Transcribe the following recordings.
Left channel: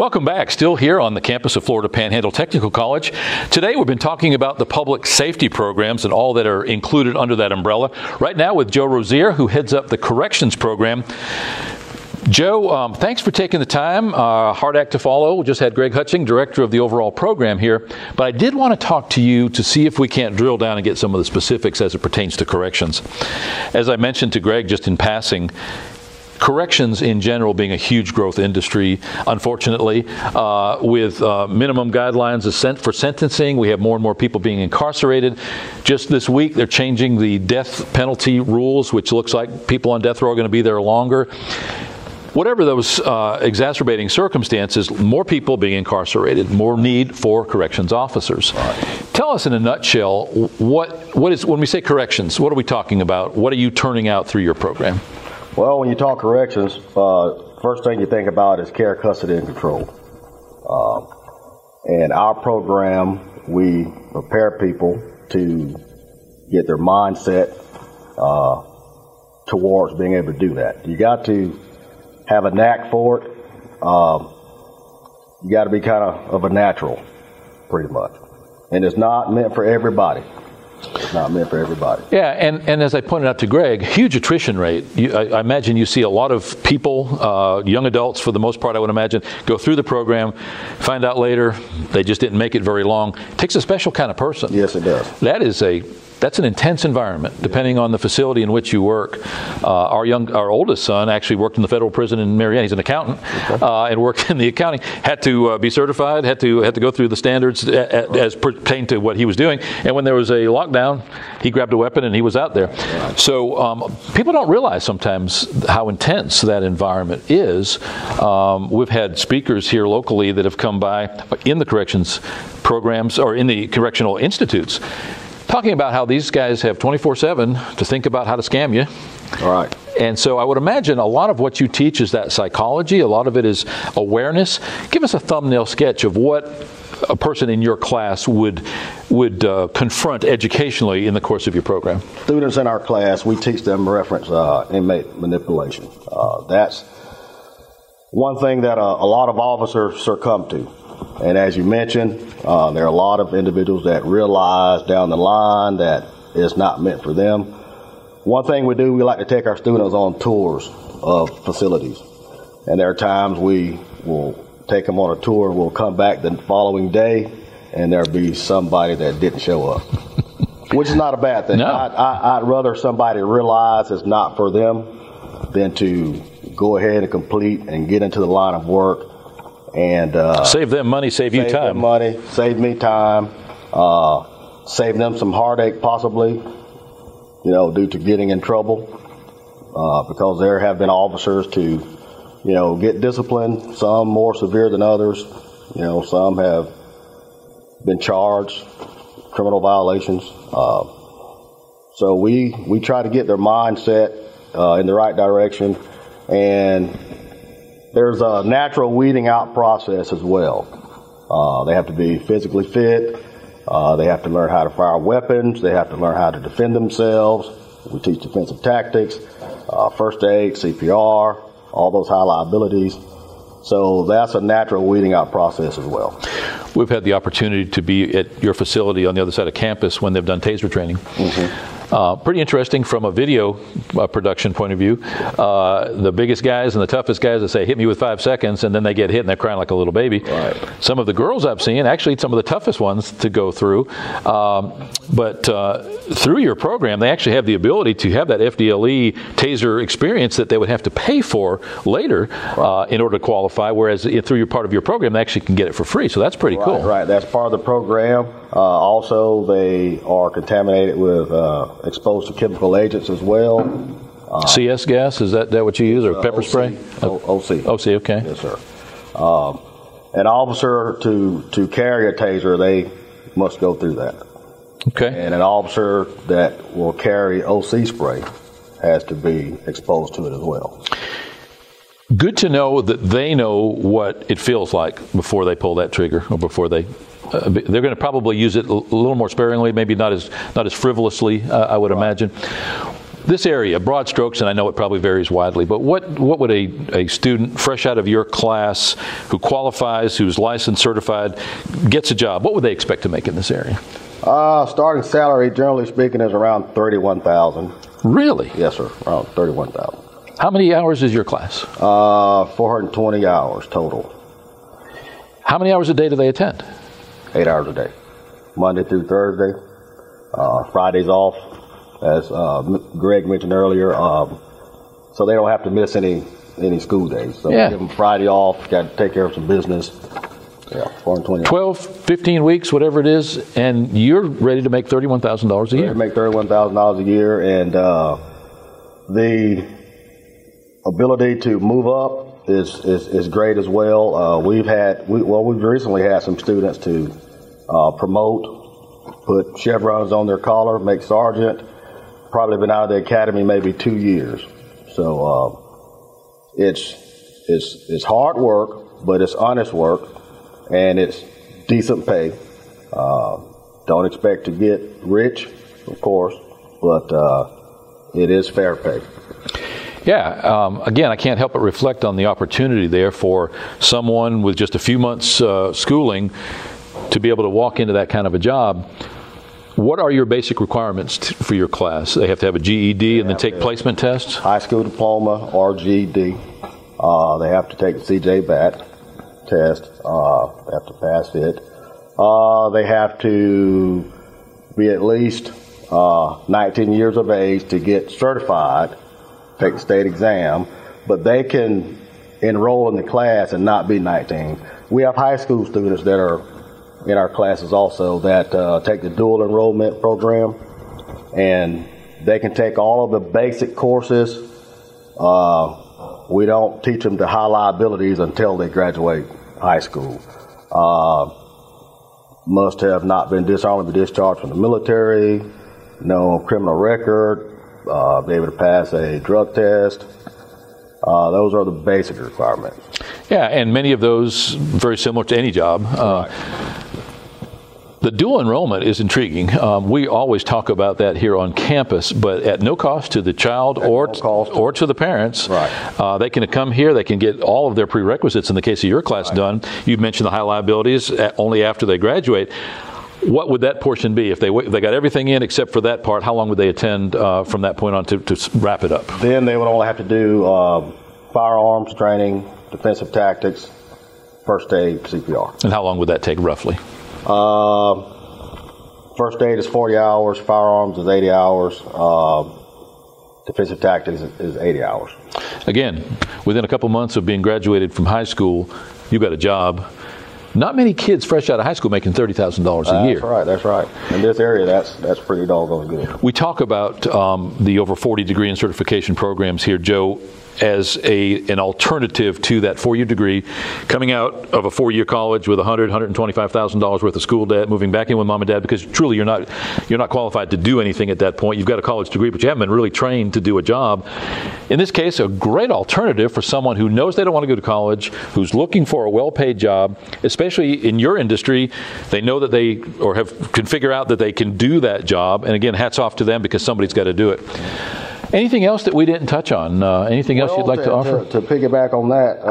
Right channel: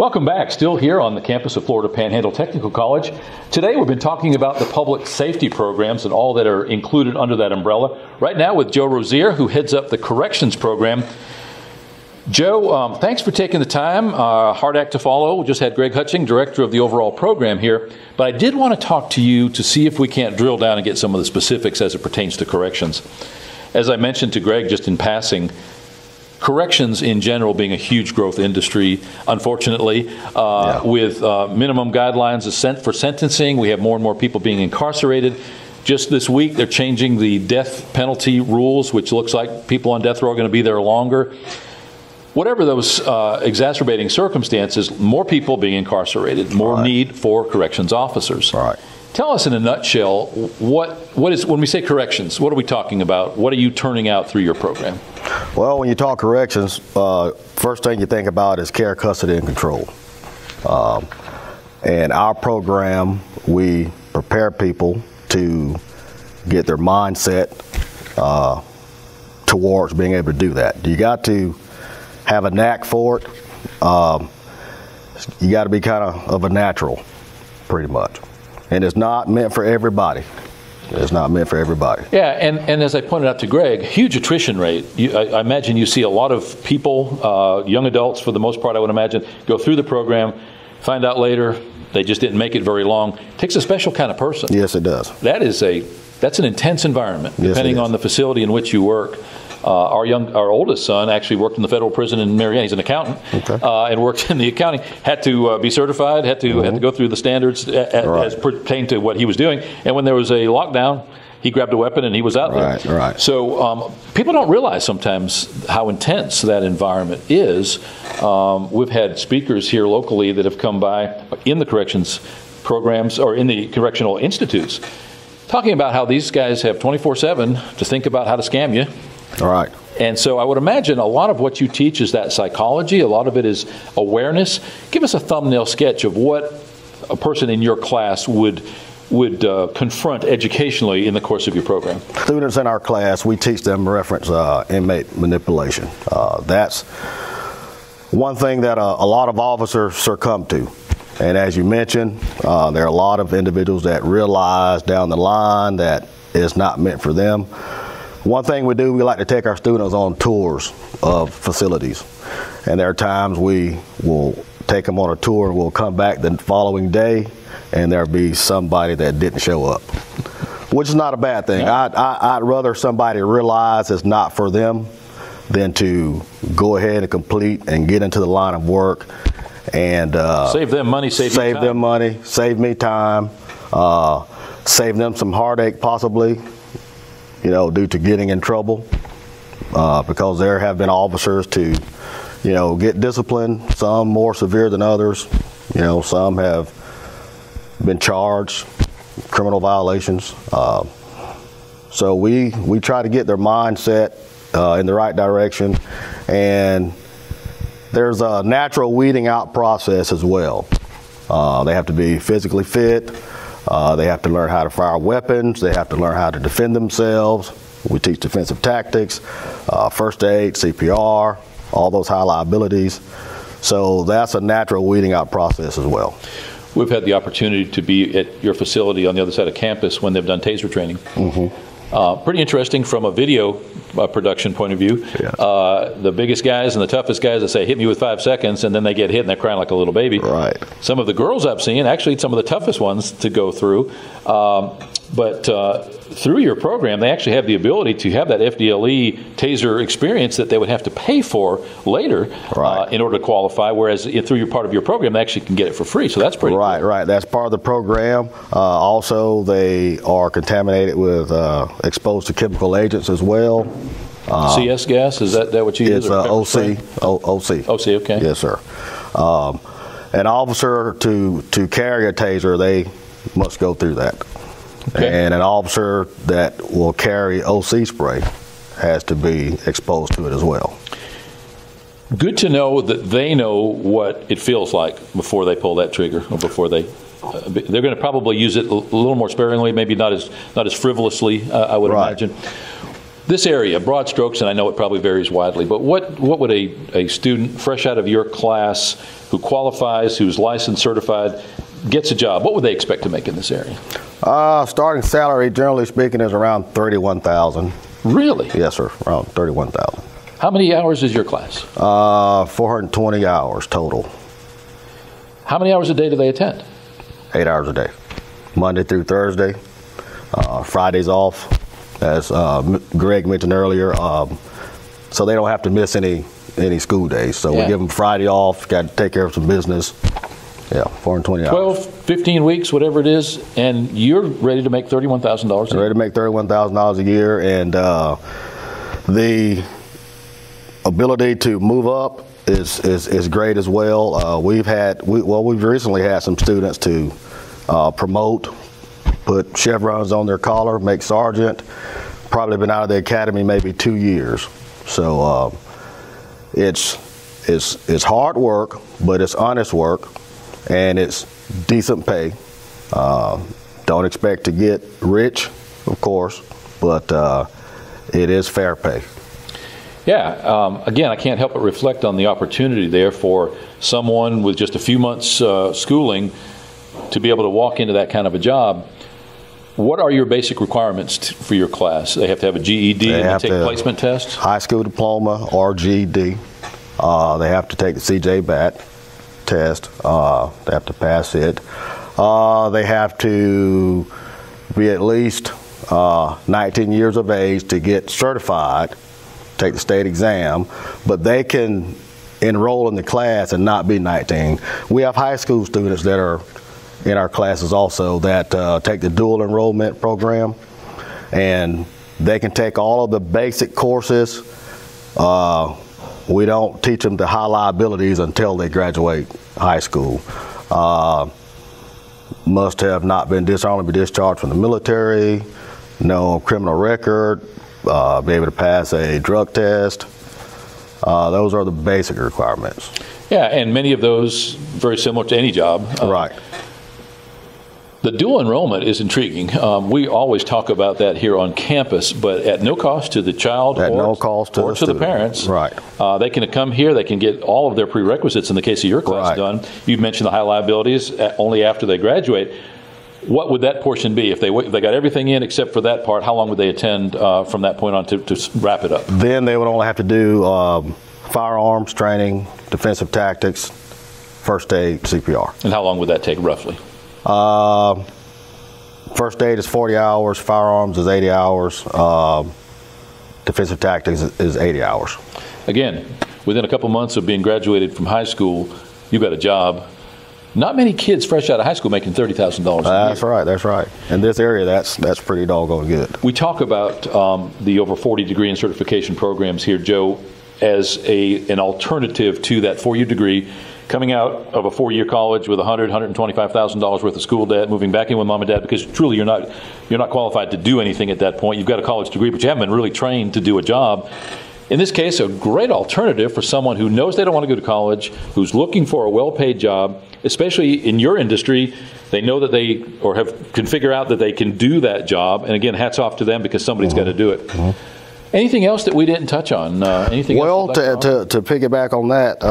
Welcome back. Still here on the campus of Florida Panhandle Technical College. Today we've been talking about the public safety programs and all that are included under that umbrella. Right now with Joe Rozier, who heads up the corrections program. Joe, thanks for taking the time. Hard act to follow. We just had Greg Hutching, director of the overall program here. But I did want to talk to you to see if we can't drill down and get some of the specifics as it pertains to corrections. As I mentioned to Greg just in passing, corrections in general being a huge growth industry, unfortunately, with minimum guidelines for sentencing. We have more and more people being incarcerated. Just this week, they're changing the death penalty rules, which looks like people on death row are going to be there longer. Whatever those exacerbating circumstances, more people being incarcerated, more need for corrections officers. Tell us in a nutshell, what is, when we say corrections, what are we talking about? What are you turning out through your program? Well, when you talk corrections, first thing you think about is care, custody, and control. And our program, we prepare people to get their mindset towards being able to do that. You got to have a knack for it. You got to be kind of a natural, pretty much. And it's not meant for everybody. It's not meant for everybody. Yeah, and as I pointed out to Greg, huge attrition rate. I imagine you see a lot of people, young adults for the most part, I would imagine, go through the program, find out later they just didn't make it very long. It takes a special kind of person. Yes, it does. That's an intense environment, depending on the facility in which you work. Our oldest son actually worked in the federal prison in Marianna. He's an accountant, and worked in the accounting. Had to be certified. Had to go through the standards as pertained to what he was doing. And when there was a lockdown, he grabbed a weapon and he was out there. So people don't realize sometimes how intense that environment is. We've had speakers here locally that have come by in the corrections programs or in the correctional institutes, talking about how these guys have 24/7 to think about how to scam you. All right. And so I would imagine a lot of what you teach is that psychology. A lot of it is awareness. Give us a thumbnail sketch of what a person in your class would confront educationally in the course of your program. Students in our class, we teach them reference inmate manipulation. That's one thing that a lot of officers succumb to. And as you mentioned, there are a lot of individuals that realize down the line that it's not meant for them. One thing we do, we like to take our students on tours of facilities. And there are times we will take them on a tour and we'll come back the following day and there'll be somebody that didn't show up, which is not a bad thing. No. I'd rather somebody realize it's not for them than to go ahead and complete and get into the line of work and save them money, save you time. Save them money, save me time, save them some heartache possibly, due to getting in trouble, because there have been officers to, get disciplined, some more severe than others. Some have been charged criminal violations. So we try to get their mindset in the right direction, and there's a natural weeding out process as well. They have to be physically fit. They have to learn how to fire weapons. They have to learn how to defend themselves. We teach defensive tactics, first aid, CPR, all those high liabilities. So that's a natural weeding out process as well. We've had the opportunity to be at your facility on the other side of campus when they've done taser training. Pretty interesting from a video production point of view. The biggest guys and the toughest guys that say, hit me with 5 seconds, and then they get hit and they're crying like a little baby. Right. Some of the girls I've seen, actually some of the toughest ones to go through, but through your program, they actually have the ability to have that FDLE taser experience that they would have to pay for later in order to qualify, whereas through your part of your program, they actually can get it for free. So that's pretty cool. Right, that's part of the program. Also, they are contaminated with exposed to chemical agents as well. CS gas, is that what you use? Or pepper spray? OC. OC, okay. Yes, sir. An officer to carry a taser, they must go through that. Okay. And an officer that will carry OC spray has to be exposed to it as well. Good to know that they know what it feels like before they pull that trigger, or before they they're going to probably use it a little more sparingly, maybe not as frivolously, I would imagine. This area, broad strokes, and I know it probably varies widely, but what would a student fresh out of your class who qualifies, who's licensed, certified, gets a job, what would they expect to make in this area? Starting salary, generally speaking, is around $31,000. Really? Yes, sir, around $31,000. How many hours is your class? 420 hours total. How many hours a day do they attend? 8 hours a day, Monday through Thursday. Fridays off, as Greg mentioned earlier, so they don't have to miss any school days. So we give them Friday off, got to take care of some business. Yeah, 420 hours. 12, 15 weeks, whatever it is, and you're ready to make $31,000 a year. Ready to make $31,000 a year, and the ability to move up is great as well. We've recently had some students to promote, put chevrons on their collar, make sergeant. Probably been out of the academy maybe 2 years. So it's hard work, but it's honest work, and it's decent pay. Don't expect to get rich, of course, but it is fair pay. Yeah, again, I can't help but reflect on the opportunity there for someone with just a few months schooling to be able to walk into that kind of a job. What are your basic requirements for your class? They have to have a GED and take placement tests? High school diploma or GED. They have to take the CJ-BAT test. They have to pass it. They have to be at least 19 years of age to get certified, take the state exam, but they can enroll in the class and not be 19. We have high school students that are in our classes also that take the dual enrollment program, and they can take all of the basic courses. We don't teach them the high liabilities until they graduate high school. Must have not been dishonorably discharged from the military, no criminal record, be able to pass a drug test. Those are the basic requirements. Yeah, and many of those very similar to any job. Right. The dual enrollment is intriguing. We always talk about that here on campus, but at no cost to the child or to the parents. Right. They can come here, they can get all of their prerequisites in the case of your class done. You've mentioned the high liabilities only after they graduate. What would that portion be? If they got everything in except for that part, how long would they attend from that point on to wrap it up? Then they would only have to do firearms training, defensive tactics, first aid, CPR. And how long would that take roughly? First aid is 40 hours, firearms is 80 hours, defensive tactics is 80 hours. Again, within a couple months of being graduated from high school, you've got a job. Not many kids fresh out of high school making $30,000 a year. That's right. In this area, that's pretty doggone good. We talk about the over 40 degree and certification programs here, Joe, as an alternative to that four-year degree, coming out of a four-year college with $125,000 worth of school debt, moving back in with mom and dad, because truly you're not qualified to do anything at that point. You've got a college degree, but you haven't been really trained to do a job. In this case, a great alternative for someone who knows they don't want to go to college, who's looking for a well-paid job, especially in your industry. They know that they can figure out that they can do that job, and again, hats off to them because somebody's got to do it. Anything else that we didn't touch on? Anything else you'd like to offer? To piggyback on that,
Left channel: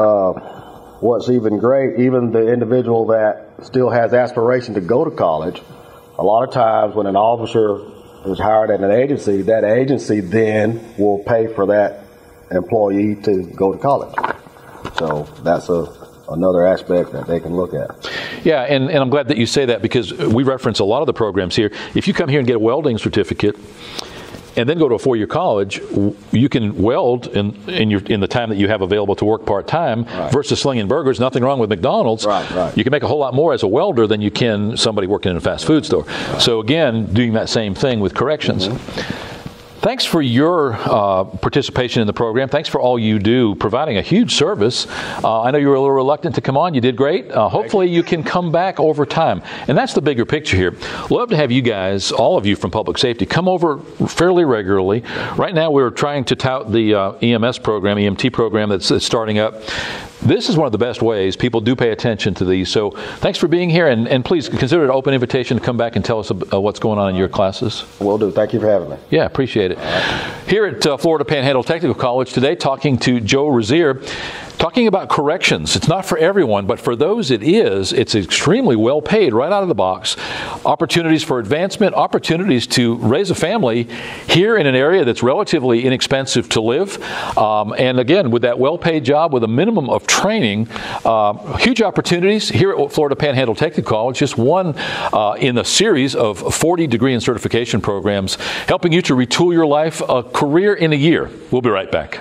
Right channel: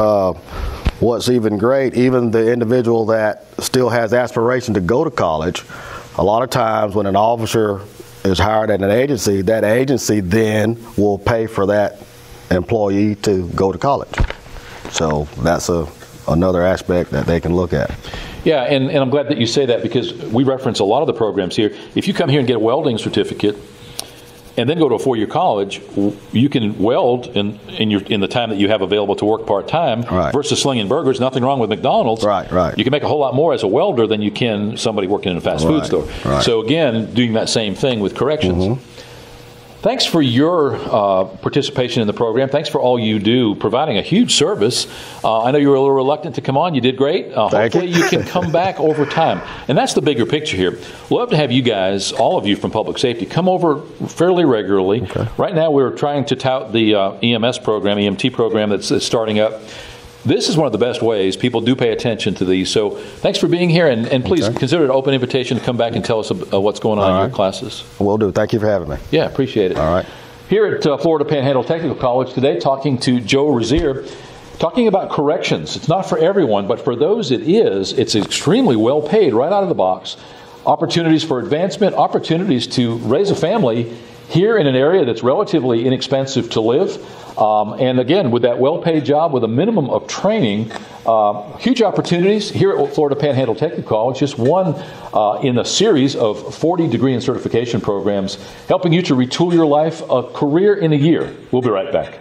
what's even great, even the individual that still has aspiration to go to college, a lot of times when an officer is hired at an agency, that agency then will pay for that employee to go to college. So that's another aspect that they can look at. Yeah, and I'm glad that you say that because we reference a lot of the programs here. If you come here and get a welding certificate, and then go to a four-year college, you can weld in the time that you have available to work part-time versus slinging burgers. Nothing wrong with McDonald's. Right. You can make a whole lot more as a welder than you can somebody working in a fast food store. So again, doing that same thing with corrections. Thanks for your participation in the program. Thanks for all you do, providing a huge service. I know you were a little reluctant to come on. You did great. Hopefully you can come back over time. And that's the bigger picture here. Love to have you guys, all of you from Public Safety, come over fairly regularly. Right now we're trying to tout the EMS program, EMT program that's starting up. This is one of the best ways. People do pay attention to these. So thanks for being here, and please consider it an open invitation to come back and tell us what's going on in your classes. Will do. Thank you for having me. Yeah, appreciate it. All right. Here at Florida Panhandle Technical College today, talking to Joe Rozier, talking about corrections. It's not for everyone, but for those it is. It's extremely well paid right out of the box. Opportunities for advancement, opportunities to raise a family here in an area that's relatively inexpensive to live. And again, with that well-paid job with a minimum of training, huge opportunities here at Florida Panhandle Technical College, just one in a series of 40 degree and certification programs, helping you to retool your life, a career in a year. We'll be right back.